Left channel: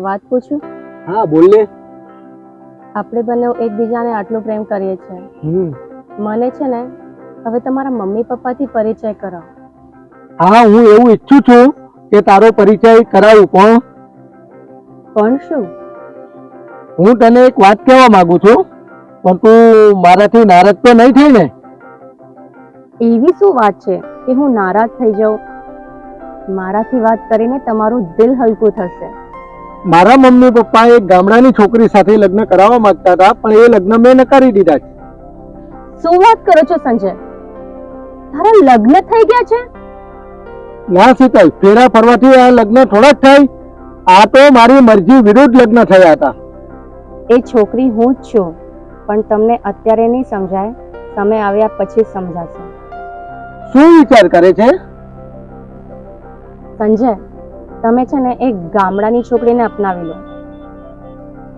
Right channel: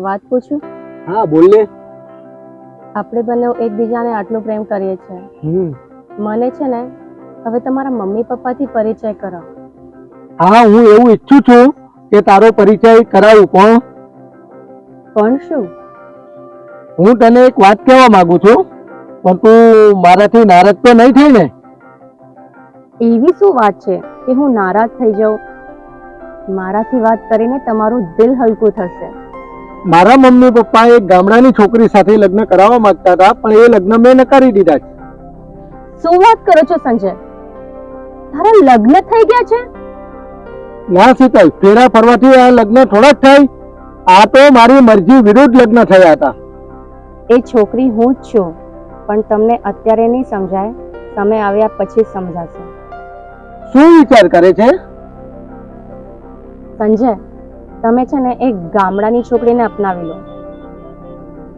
વાત પૂછું? હા બોલ ને આપણે બંને એકબીજાને આટલો પ્રેમ કરીએ છીએ. મને છે ને હવે તમારા મમ્મી પપ્પાથી પરિચય કરાવો હા હું એવું ઈચ્છું છું કે તારો પરિચય કરાવું પણ? પણ શું? હું તને એક વાત કહેવા માંગુ છું પણ તું મારાથી નારાજ તો નહીં થઈ ને? એવી શું વાત છે કે હું નારાજ થઈ જાઉં? મારાથી વાત કરીને તમારું દિલ હલકું થશે. મારા મમ્મી પપ્પા એક ગામડાની છોકરી સાથે લગ્ન કરાવવા માંગતા હતા પણ એ લગ્ન મેં નકારી દીધા છે. શું વાત કરો છો સંજય? તારા લગ્ન થઈ ગયા છે? ના શીતલ ફેરા ફરવાથી આ લગ્ન થોડા જ થાય. આ તો મારી મરજી વિરુદ્ધ લગ્ન થયા હતા. એ છોકરી હું જ છું પણ તમને અત્યારે નહીં સમજાય તમે આવ્યા પછી સમજાશે. શું વિચાર કરે છે? સંજય તમે છે ને એક ગામડાની છોકરીને અપનાવી લો.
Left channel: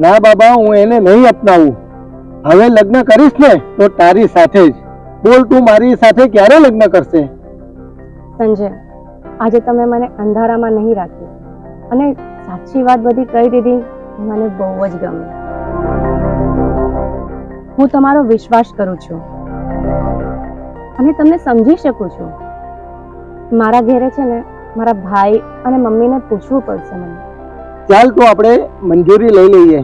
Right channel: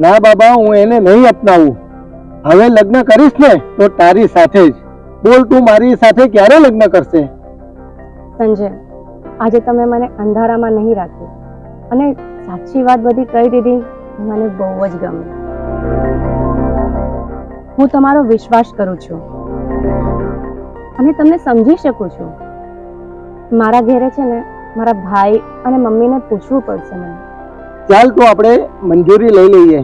ના બાબા હું એને નહીં અપનાવું. હવે લગ્ન કરીશ ને તો તારી સાથે જ. બોલ તું મારી સાથે ક્યારે લગ્ન કરશે? સંજય આજે તમે મને અંધારામાં નહીં રાખ્યું. અને સાચી વાત બધી કહી દીધી મને બહુ જ ગમે હું તમારો વિશ્વાસ કરું છું. અને તમને સમજી શકું છું. મારા ઘેરે છે ને મારા ભાઈ અને મમ્મીને પૂછવું પડશે મને. ચાલ તો આપણે મંજૂરી લઈ લઈએ.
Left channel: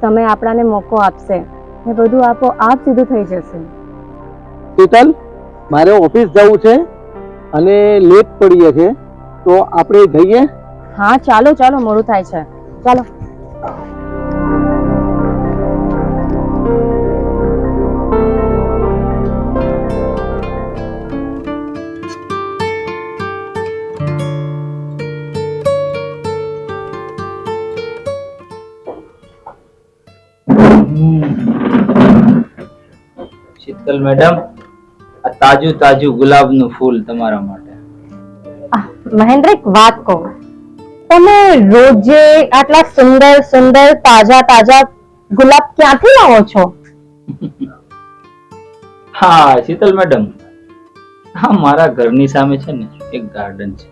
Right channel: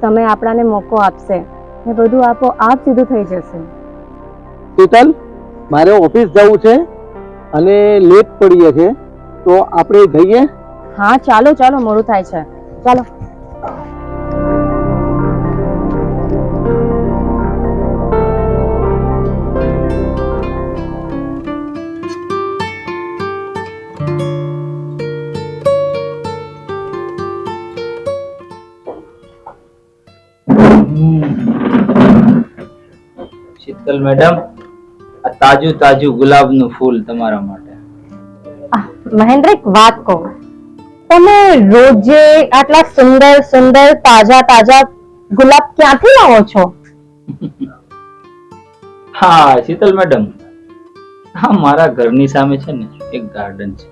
તમે આપણાને મોકો આપશે. ને બધું આપો આપ સીધું થઈ જશે. શીતલ મારે ઓફિસ જવું છે અને લેટ પડીએ છે. તો આપણે જઈએ. હા ચાલો ચાલો મોડું થાય છે. ચાલો. શીતલ મેડમ આ તાજું તાજું ગુલાબનું ફૂલ તમારા માટે. મહેન્દ્ર એક વાત કહો. તમે રોજે આટલા સુંદર સુંદર તાજા તાજા ગુલાબ ક્યાંથી લાવો છો? હા શીતલ મેડમ. હા મારા ઘરની સામે છે ને એક ગાર્ડન છે.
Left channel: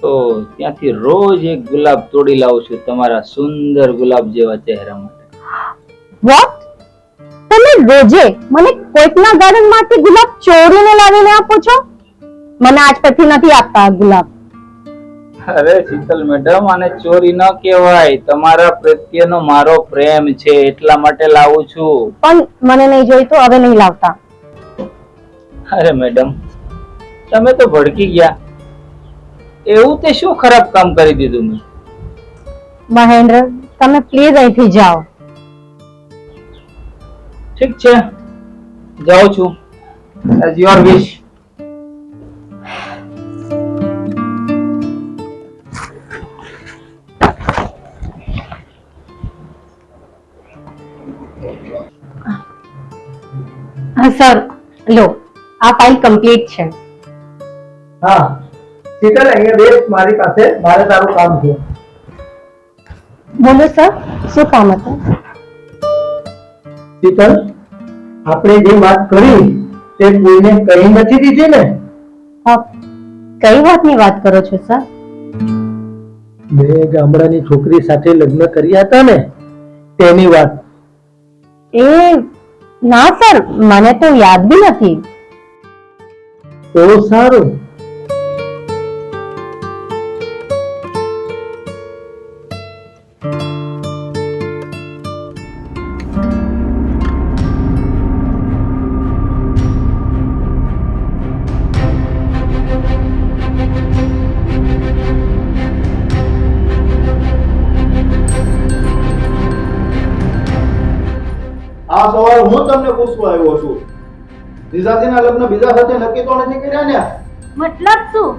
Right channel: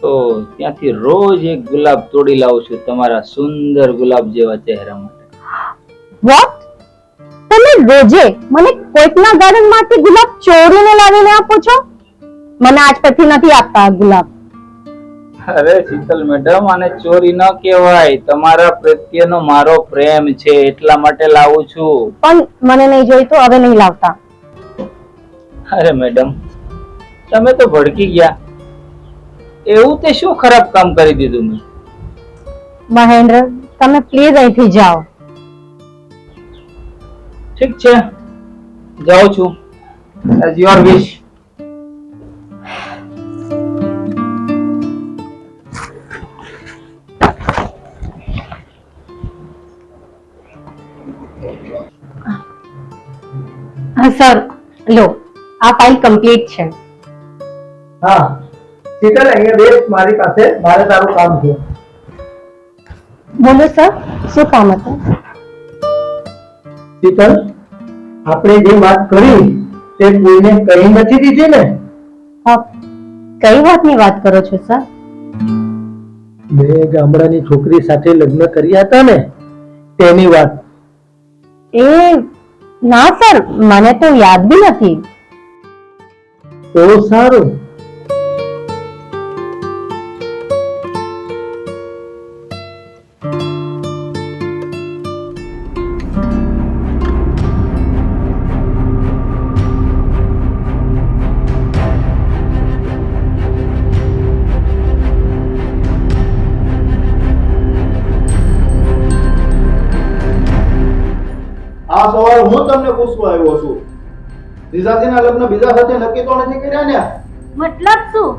તો ત્યાંથી રોજ એક ગુલાબ તોડી લાવું છું તમારા સુંદર ગુલાબ જેવા ચહેરા માટે વોટ તમે રોજે મને કોઈકના ગાર્ડનમાંથી ગુલાબ ચોરીને લાવીને આપો છો? મને આજ પછી નથી આપતા ગુલાબ. અરે શીતલ મેડમ આને ચોરી ન કહેવાય. તમારા પ્રત્યેનો મારો પ્રેમ છે એટલા માટે લાવું છું. પણ મને નહીં જોઈતું હવે નહીં લાવતા. અરે મેડમ તમે તો ભડકી ગયા. એવું તે શું ખરાબ કામ કરી દીધું મેં? મહેન્દ્ર તમે પ્લીઝ અહીંથી જાઓ. ઠીક છે જાઉં છું એઝ યોર વિશ હા સર લો આ ફાઇલ કમ્પ્લીટ છે હા શીતલ અહીંયા બેસ મારી પાસે મારે તારું કામ છે બોલો સર શું કામ હતું શીતલ આપણે જે વાત કરી તે કોઈને કહી નથી દીધી ને? આપ કઈ વાતની વાત કરો છો સર? મેં ગામડાની છોકરી સાથે લગ્ન કર્યા હતા ને તેની વાત. એ ના સર મને તો યાદ બી નથી. તો સારું. જીજાજીના લગ્ન બીજા સાથે નક્કી તો નથી કર્યા ને? મતલબ શું?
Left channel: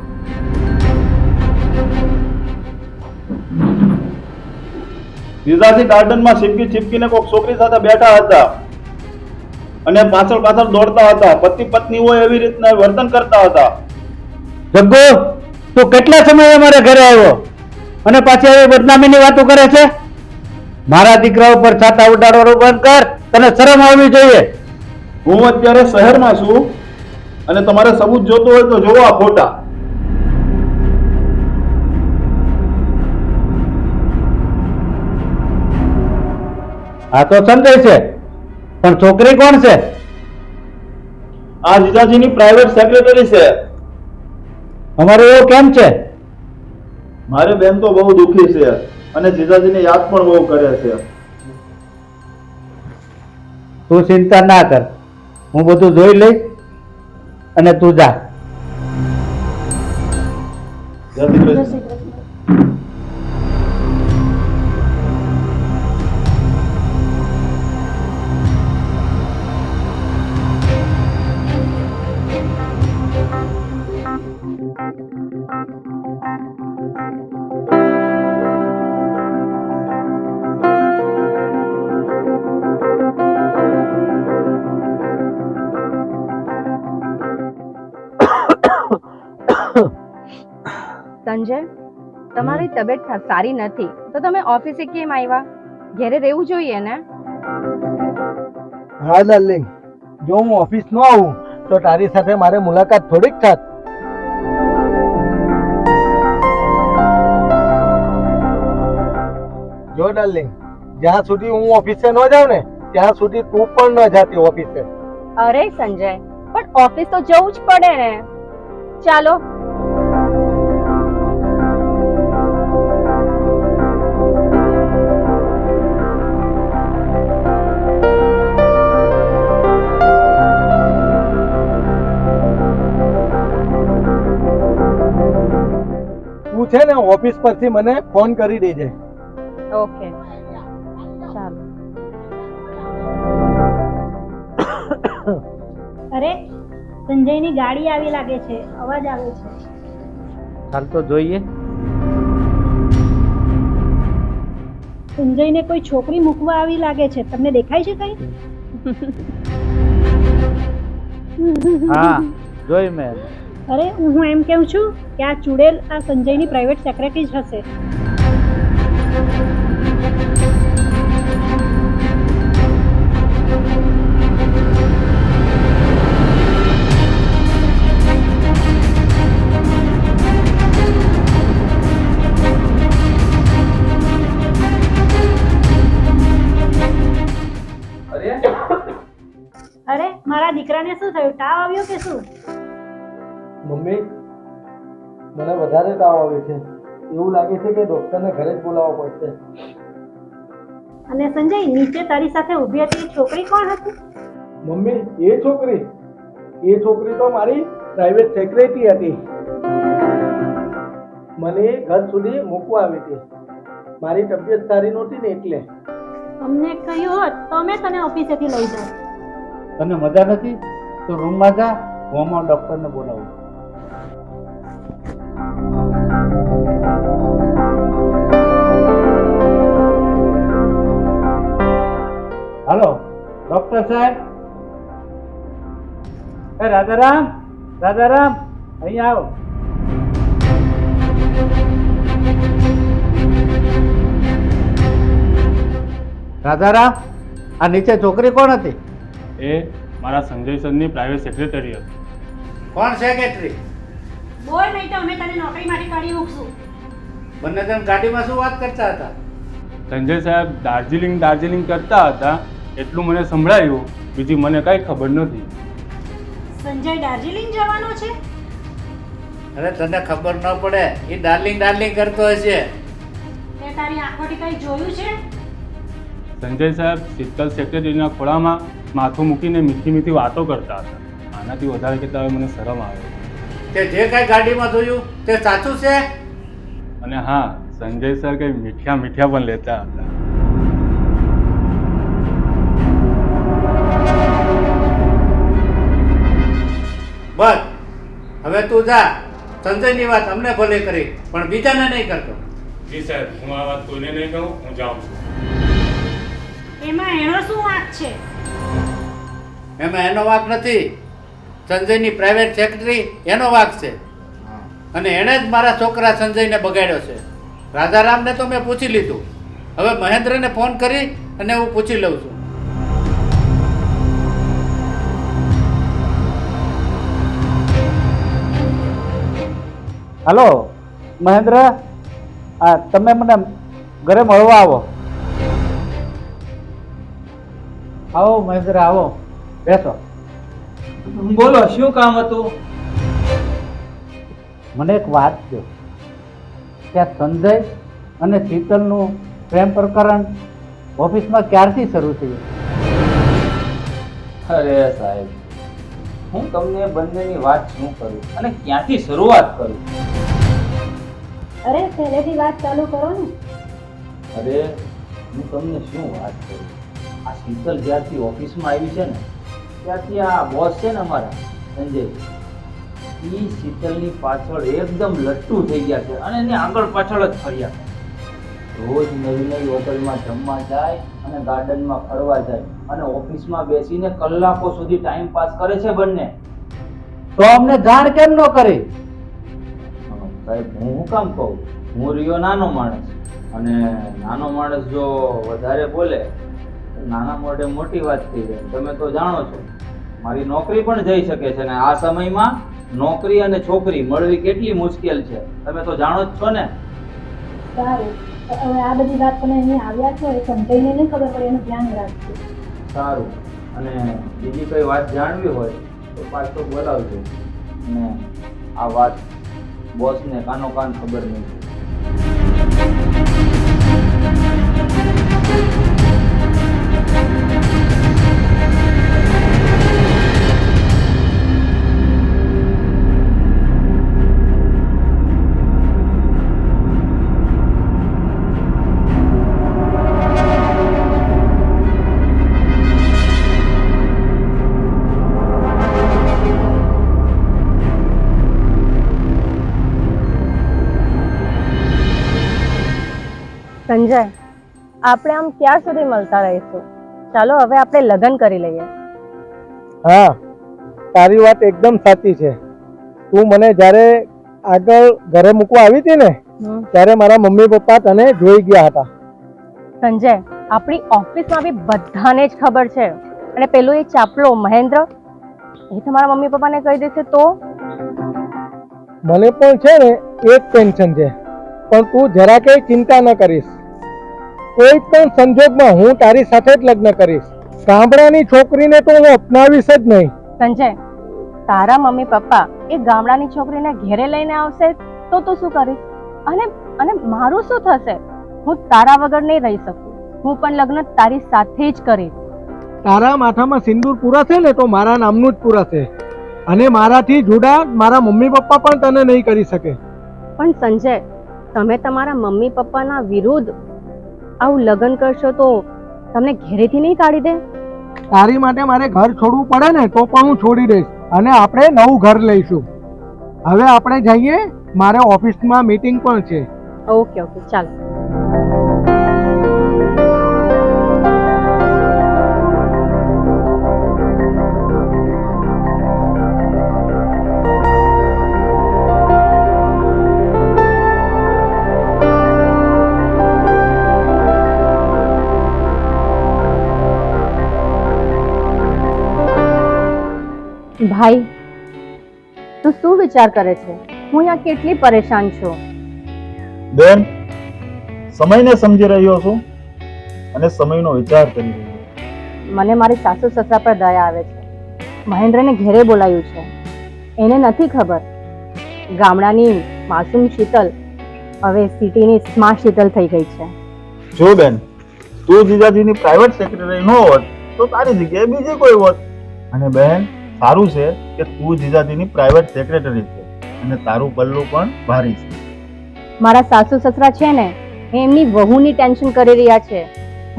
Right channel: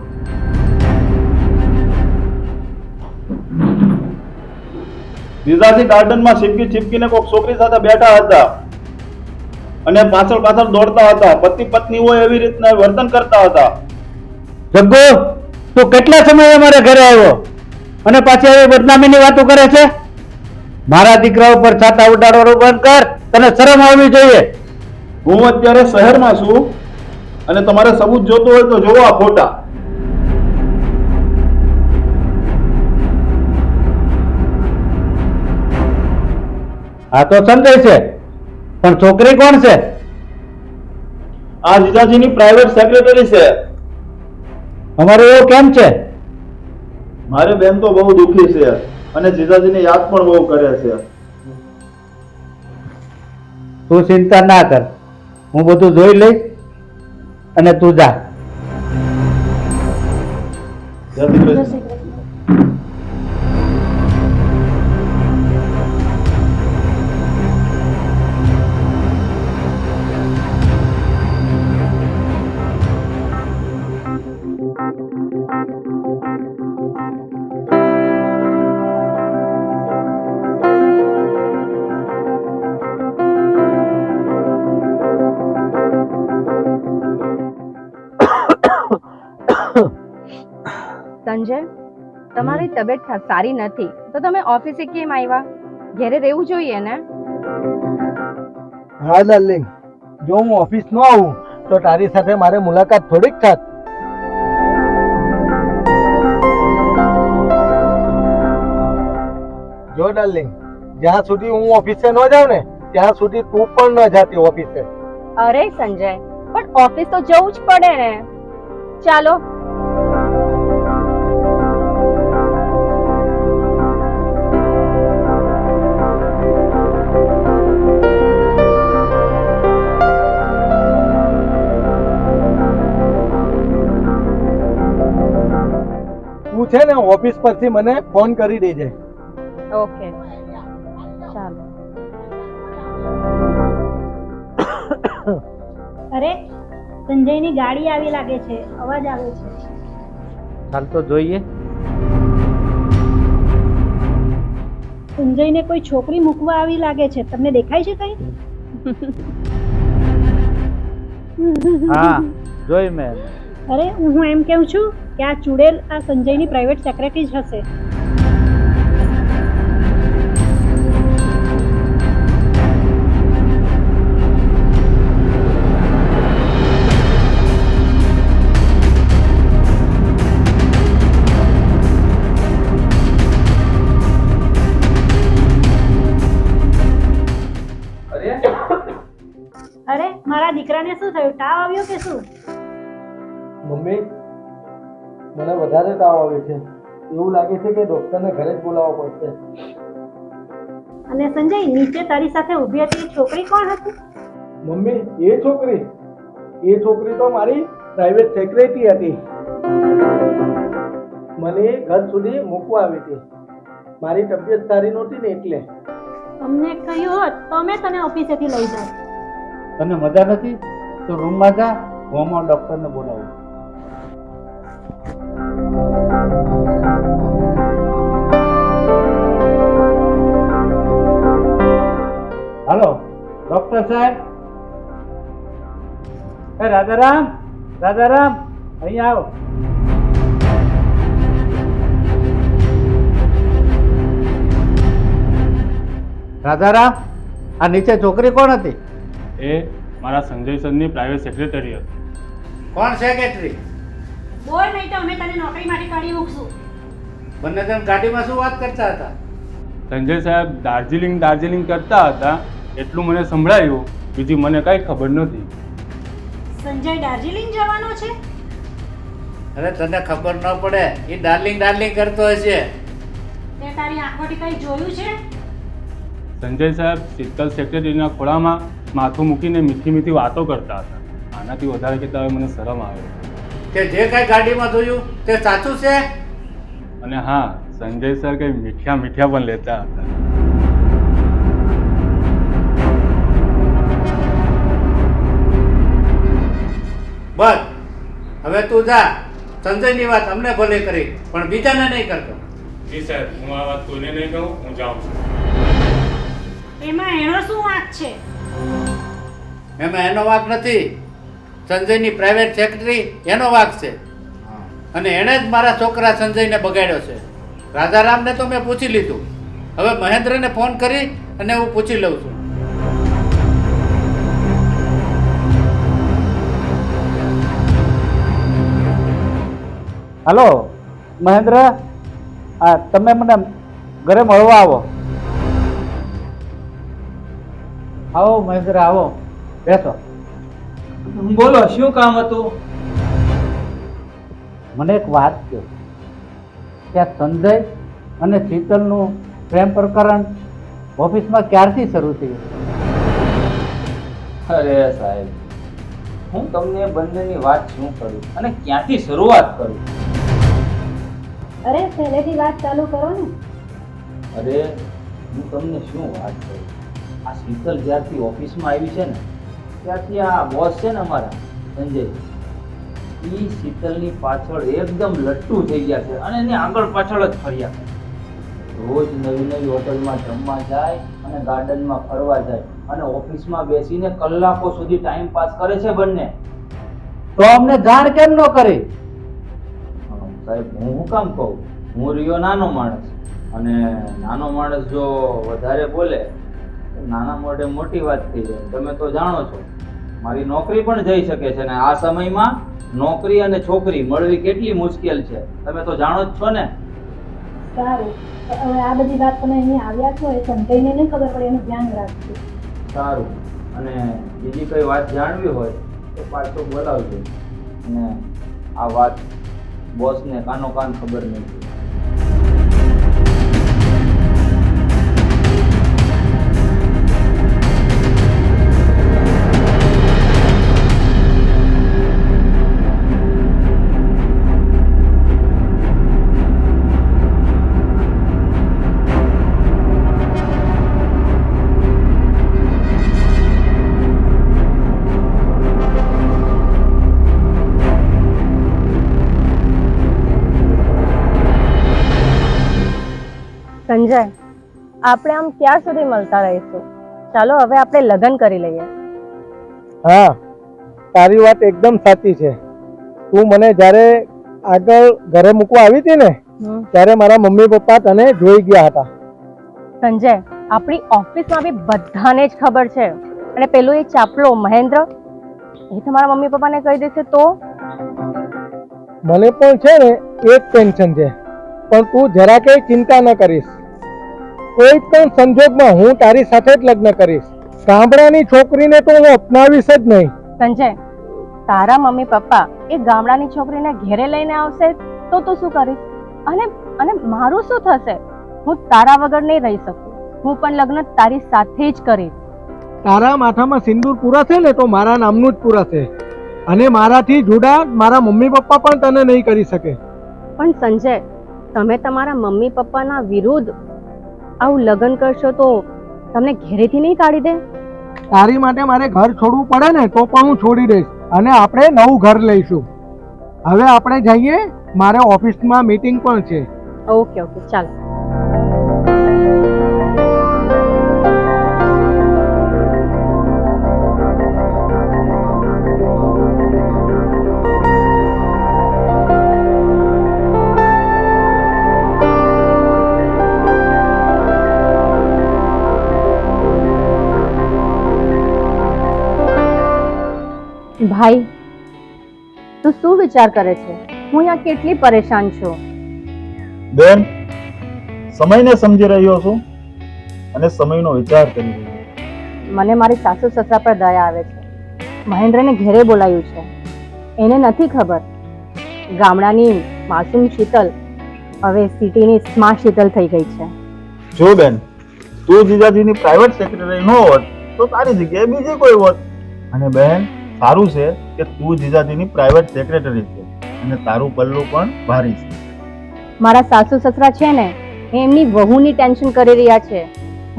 જીજાજી ગાર્ડનમાં છીપકી છીપકીને કોઈક છોકરી સાથે બેઠા હતા અને પાછળ પાછળ દોડતા હતા. પતિ પત્ની હોય એવી રીતના વર્તન કરતા હતા. જગ્ગો તું કેટલા સમયે અમારા ઘરે આવ્યો? અને પાછી હવે બદનામીની વાતો કરે છે? મારા દીકરા ઉપર છાતા ઉડાડવાનું બંધ કર તને શરમ આવવી જોઈએ. હું અત્યારે શહેરમાં છું અને તમારે સબૂત જોતો હોય તો જોવો આ ફોટા. આ તો સંજય છે પણ છોકરી કોણ છે? આ જીજાજીની પ્રાઇવેટ સેક્રેટરી છે. અમારે એવો કેમ છે? મારે બેન તો બહુ દુખી છે અને જીજાજીને યાદ પણ બહુ કરે છે. તું ચિંતા ના કર. હું બધું જોઈ લઈશ અને તું જા. શ્રી કૃષ્ણ સંજય તમારી તબિયત સારી નથી. તો તમે ઓફિસે કેમ આવ્યા ઘરે રહેવું જોઈએ ને? હા ડાર્લિંગ જો હું ઓફિસ ન આવું તો તારી સાથે મારે મુલાકાત થોડીક થાત. જો ડાર્લિંગ જ્યાં સુધી હું ઓફિસે ન જાઉં ને ત્યાં સુધી તું પણ ન જાતી ઓફિસે. અરે સંજય પણ ઓફિસ તો જવું જ પડે ને. ચાલો તું છે ને ઓફિસ પરથી મને ફોન કરી દેજે. ઓકે. ચાલો. અરે સંજયની ગાડી આવી લાગે છે. અવાજ આવે છે. ચાલ તો જોઈએ. સંજયને કોઈ છોકરી મૂકવા આવી લાગે છે. તમને દેખાય છે કઈ? હા જોઈ મેં. અરે હું એમ કહું છું કે આ ચુડેલ આ સંજયની પ્રાઇવેટ સેક્રેટરી જ હશે. અરે? મારા દીકરાને શું થયું? તાવ આવ્યો કે શું? મમ્મી મને વધારે તાવ આવે છે. એવું લાગે છે કે ડોક્ટરને ઘરે જ બોલાવવો પડશે. અને સંજય નીચે તારી સાથે ઊભી હતી છોકરી કોણ હતી? મમ્મી એ છોકરી. એ છોકરી તો મારી પ્રાઇવેટ સેક્રેટરી હતી. મને ઘર સુધી મૂકવા આવી હતી. મારી તબિયત સારી નહોતી ને એટલે. અમને કહ્યું હોત તો અમે તને ઓફિસેથી લઈ જાત. તને મજા નથી? તો રૂમમાં જા હું હમણાં ડોક્ટરને બોલાવું. હાલો ડોક્ટર સાહેબ. એ રાધારામ રાધારામ અહીંયા આવો. રાધારામ આ નીચે છોકરી કોણ હતી? એ મારા સંજય સરની પ્રાઇવેટ સેક્રેટરી હતી. કોણ સેક્રેટરી બોલ નહીં તો અમે તને નોકરીમાંથી કાઢી મૂકશું. બંને જણ ગાડીમાં શું વાત કરતા હતા? સંજય સાહેબ દાર્જિલિંગ દાર્જિલિંગ કરતા હતા એટલું મને સંભળાયું બીજી મને કાંઈ ખબર નથી સંજય દાર્જિલિંગ જવાનો છે? અરે તને ખબર ન પડે એ ડાર્લિંગ ડાર્લિંગ કરતો હશે. તે તારી આંખોથી કઈ જોયું છે? સંજય સાહેબ શીતલ સેક્રેટરીના ખોળામાં માથું મૂકીને મીઠી મીઠી વાતો કરતા હતા. આનાથી વધારે કહેતા હવે મને શરમ આવે. તે જે કઈ ગાડીમાં જોયું તે સાચું છે? અને હા સંજય સર કંઈ મીઠિયા મીઠિયા પણ લેતા હતા. બસ. હવે તું જા. સંજયની વાત અમને ભલે કરી પણ બીજાને નહીં કરતો. જી સાહેબ હું આ વાત કોઈને નહીં કહું હું જાઉં છું. એમાં એનો શું વાંક છે? એમાં એનો વાંક નથી. સંજયની પ્રાઇવેટ સેક્રેટરી એનો વાંક છે. અને એણે જ મારા છોકરા સંજયને બગાડ્યો છે. રાજારામને તો મેં પૂછી લીધું. હવે મહેન્દ્રને ફોન કરી અને હું પૂછી લઉં છું. હલો મહેન્દ્ર? આ તમે મને ઘરે મળવા આવો. આવો મહેન્દ્ર આવો. બેસો. બોલો શું કામ હતું? મને એક વાત કહો. કે સંજય અને શીતલનું પ્રેમ પ્રકરણ ઓફિસમાં ક્યારથી શરૂ થયું? અરે સાહેબ હું તમને બંનેની વાત શું કરું અને ક્યાંથી શરૂઆત કરું? અરે પહેલેથી વાત ચાલુ કરો ને. અરે હું તમને શું વાત કરું? આ શીતલ જ્યારથી ઓફિસમાં આવી છે ને ત્યારથી આ બોસ છે ને અમારા, સંજય એ શીતલની પાછળ એકદમ લટ્ટુ થઈ ગયા છે અને એને આગળ પાછળ જ ફર્યા. રોજ નવી નવી હોટલમાં જમવા જાય અને ગાર્ડનમાં ફરવા જાય અને ઓફિસમાં બેસીને કલાકો સુધી ટાઈમ પાસ કરે છે બંને. તો અમને જાણ કેમ ન કરે? સાહેબ, હું હું કામ કહું? હું રહ્યો નાનો માણસ. અને નાનો માણસ જો વધારે બોલે નાના મોઢે મોટી વાત થઈ જાય. તમે તો જાણો છો મારી નોકરી પણ જઈ શકે છે ને આ સમયમાં નોકરી અને છોકરી મળવી કેટલી મુશ્કેલ છે. તમે તો જાણો જ છો ને. સારું. હવે આ બધી વાત તમે અહીંયા આવ્યા છો એ સમજાઈને નહીં ખબર પડે એનું ધ્યાન રાખજો. સારું. અને બીજી કઈ વાત જાણવી હોય તો પાછો બોલાવજો. અને આ વાત બોસને કાનો કાન ખબર નહીં સંજય આપણે આમ ક્યાં સુધી મળતા રહીશું? ચાલો હવે આપણે લગ્ન કરી લઈએ. હા તારી વાત એકદમ સાચી છે. તું મને જ્યારે આગળ ઘરે મૂકવા આવી હતી ને ત્યારે મારા મમ્મી પપ્પા તને જોઈ ગયા હતા. સંજય આપણી ઓફિસમાં બી બધાને જ ખબર છે. અને પેલો એ ચાપલો મહેન્દ્ર એ તમારા મમ્મી પપ્પાને કહી દેશે તો? મને પણ છે ને એ જ ટેન્શન છે. પણ તું જરા કંઈ ચિંતા ન કરીશ. કોઈ પણ સંજોગમાં હું તારી સાથે જ લગ્ન કરીશ. ગામડાની છોકરીને તો હું અપનાવીશ જ નહીં. સંજય તારા મમ્મી પપ્પા એ ગામડાની છોકરીને ઘેરે લઈને આવશે તો તું શું કરીશ? અને અને મારું શું થશે? હું તારા વગર નહીં રહી શકું. હું પણ લગ્ન તારી સાથે જ કરીશ. તારા માથામાં સિંદૂર પૂરાશે ને તો મારા નામનું જ પૂરાશે અને મારાથી જોડા મારા મમ્મી પપ્પા પણ તને નહીં કરી શકે. પણ સંજય તમે તમારા મમ્મી પપ્પાના વિરુદ્ધ આવું લગ્ન કરશો તો તમને ઘેરેથી નહીં કાઢી દે? તારી માટે મારે ઘર છોડવું પડે ને તો પણ હું છોડી દઈશ. અને આપણે નવું ઘર લઈશું. હવે આપણે જઈએ મારે ઓફિસમાં મીટિંગ પણ છે. ઓકે ઓકે ચાલો. વિચાર કરે છે. હું અહીંયા કેટલી પરેશાન છું. બેન સમયને સમજી રહ્યો છું અને સમયનો વિચાર કરી રહ્યો છું. મને મારી સાસુ સસરા પર દયા આવે છે. મહેન્દ્રને ઘેરે બોલાયું છે. એને નથી ખબર. ગામડાની માસૂમ શીતલ હવે સિટીની સ્માર્ટ શીતલ થઈ ગઈ છે. જો બેન તું જીજાજીની પ્રાઇવેટ સેક્રેટરી ન હોત તો તારી જગ્યાએ બીજી કોઈ હોત. અને બેન સારું છે કે તું જીજાજીની પ્રાઇવેટ સેક્રેટરી છે અને તારું પલ્લું પણ ભારી છે. મારા સાસુ સસરા છે ને એમની વહુની ટેન્શન કરી રહ્યા છે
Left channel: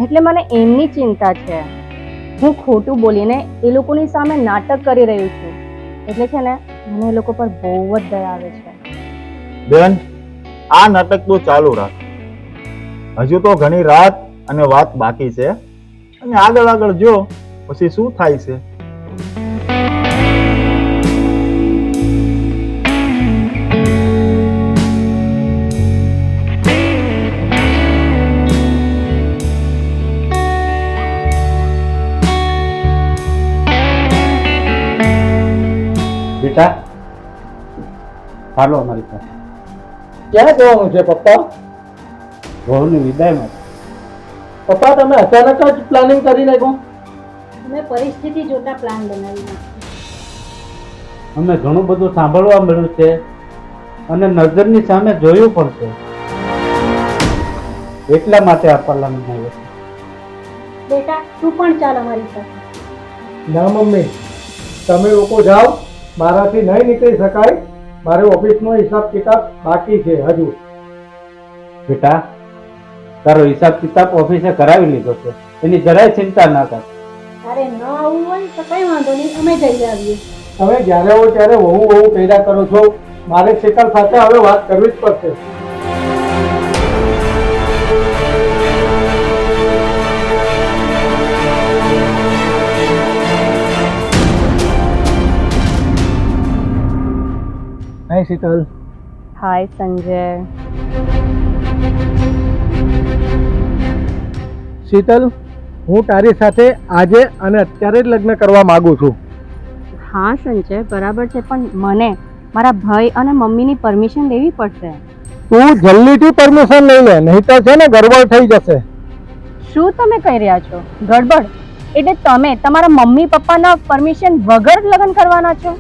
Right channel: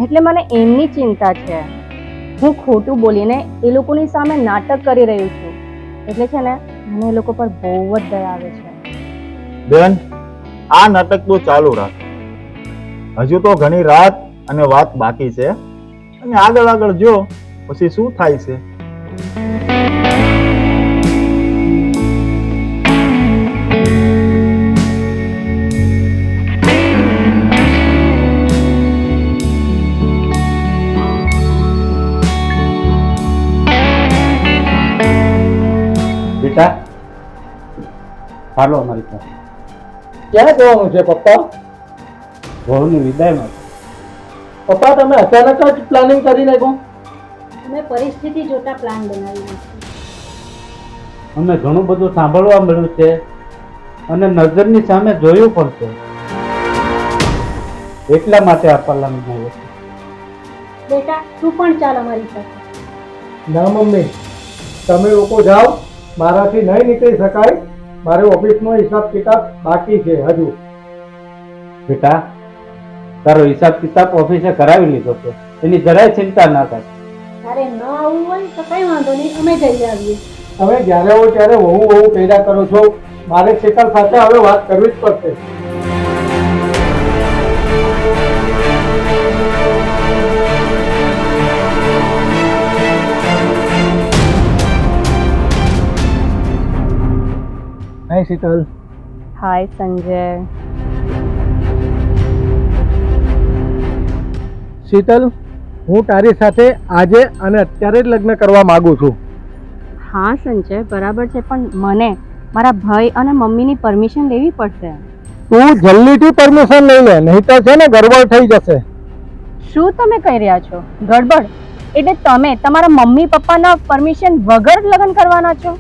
એટલે મને એમની ચિંતા છે. હું ખોટું બોલીને એ લોકોની સામે નાટક કરી રહ્યું છું એટલે છે ને મને એ લોકો પર બહુ જ દયા આવે છે. બેન આ નાટક તો ચાલુ રાખ. હજુ તો ઘણી રાત અને વાત બાકી છે. અને આગળ આગળ જો પછી શું થાય છે? બેટા. ચાલો અમારી પાસે ક્યાં જવાનું છે પપ્પા? વહુની વિદાયમાં. પપ્પા તમે અચાનક જ પ્લાનિંગ કરી નાખ્યું? અમે પરિસ્થિતિ જોતા પ્લાન બનાવી નાખ્યો અમે ઘણું બધું સાંભળવા મળ્યું છે અને નજરની સામે જોયું પણ છે. એટલા માટે આ પલાન આવ્યો છે બેટા તું પણ ચાલ અમારી સાથે. ના મમ્મી. તમે લોકો જાઓ. મારાથી નહીં નીકળી શકાય. મારે ઓફિસનો હિસાબ કિતાબ બાકી છે હજુ. બેટા તારો હિસાબ કિતાબ ઓફિસે કરાવી લીધો છે. એની જરાય ચિંતા ના કર. તારે ન આવવું હોય તો કઈ વાંધો નહીં અમે જઈ આવીએ. તમે જ્યારે હો ત્યારે વહુ વહુ પેદા કરો છો. મારે શેખર સાથે હવે વાત કરવી જ પડશે. નહીં શીતલ હાય સંજય શીતલ હું તારી સાથે આજે અને અત્યારે જ લગ્ન કરવા માંગુ છું. હા સંજય બરાબર છે પણ મને મારા ભાઈ અને મમ્મીની પરમિશન લેવી પડશે. તું જલ્દીથી પરમિશન લઈ લે નહીં તો છે ને ગડબડ થઈ જશે. શું તમે કહી રહ્યા છો? ગડબડ? એટલે તમે તમારા મમ્મી પપ્પાના પરમિશન વગર લગ્ન કરવાના છો?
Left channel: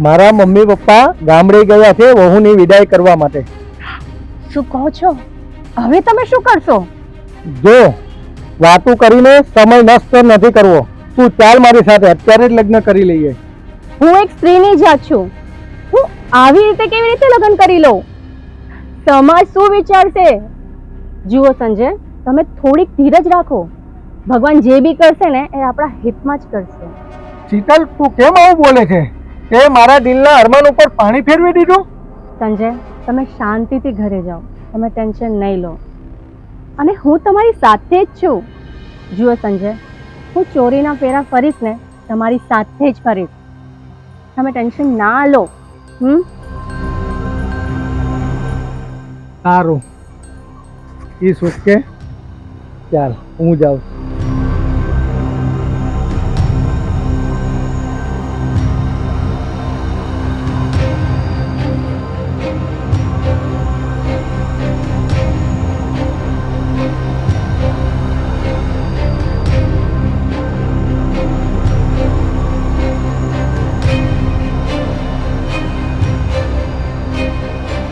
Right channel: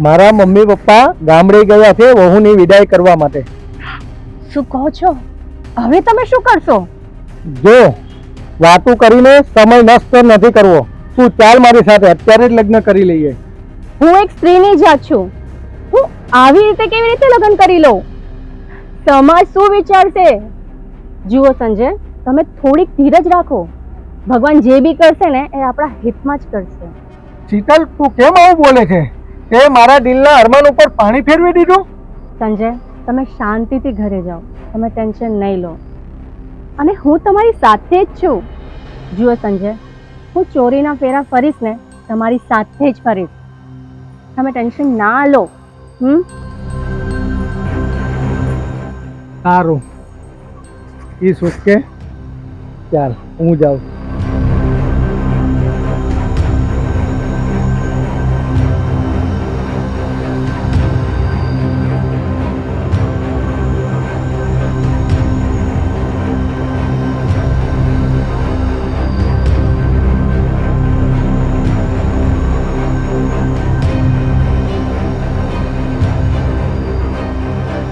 મારા મમ્મી પપ્પા ગામડે ગયા છે વહુની વિદાય કરવા માટે. શું કહો છો? હવે તમે શું કરશો? જો વાતું કરીને સમય નષ્ટ નથી કરવો. તું ચાલ મારી સાથે અત્યારે જ લગ્ન કરી લઈએ. હું એક સ્ત્રીની જાત છું. હું આવી રીતે કેવી રીતે લગ્ન કરી લઉં? સમાજ શું વિચારશે? જુઓ સંજય તમે થોડીક ધીરજ રાખો. ભગવાન જે બી કરશે ને એ આપણા હિતમાં જ કરશે. શીતલ તું કેમ આવું બોલે છે? તે મારા દિલના અરમાન ઉપર પાણી ફેરવી દીધું? સંજય તમે શાંતિથી ઘરે જાઓ. તમે ટેન્શન નહીં લો. અને હું તમારી સાથે જ છું. જુઓ સંજય હું ચોરીના ફેરા ફરીશ ને તમારી સાથે જ ફરીશ. તમે ટેન્શન ના લો. હમ? સારું. ઈ સુખ કે ચાલ હું જાઉં.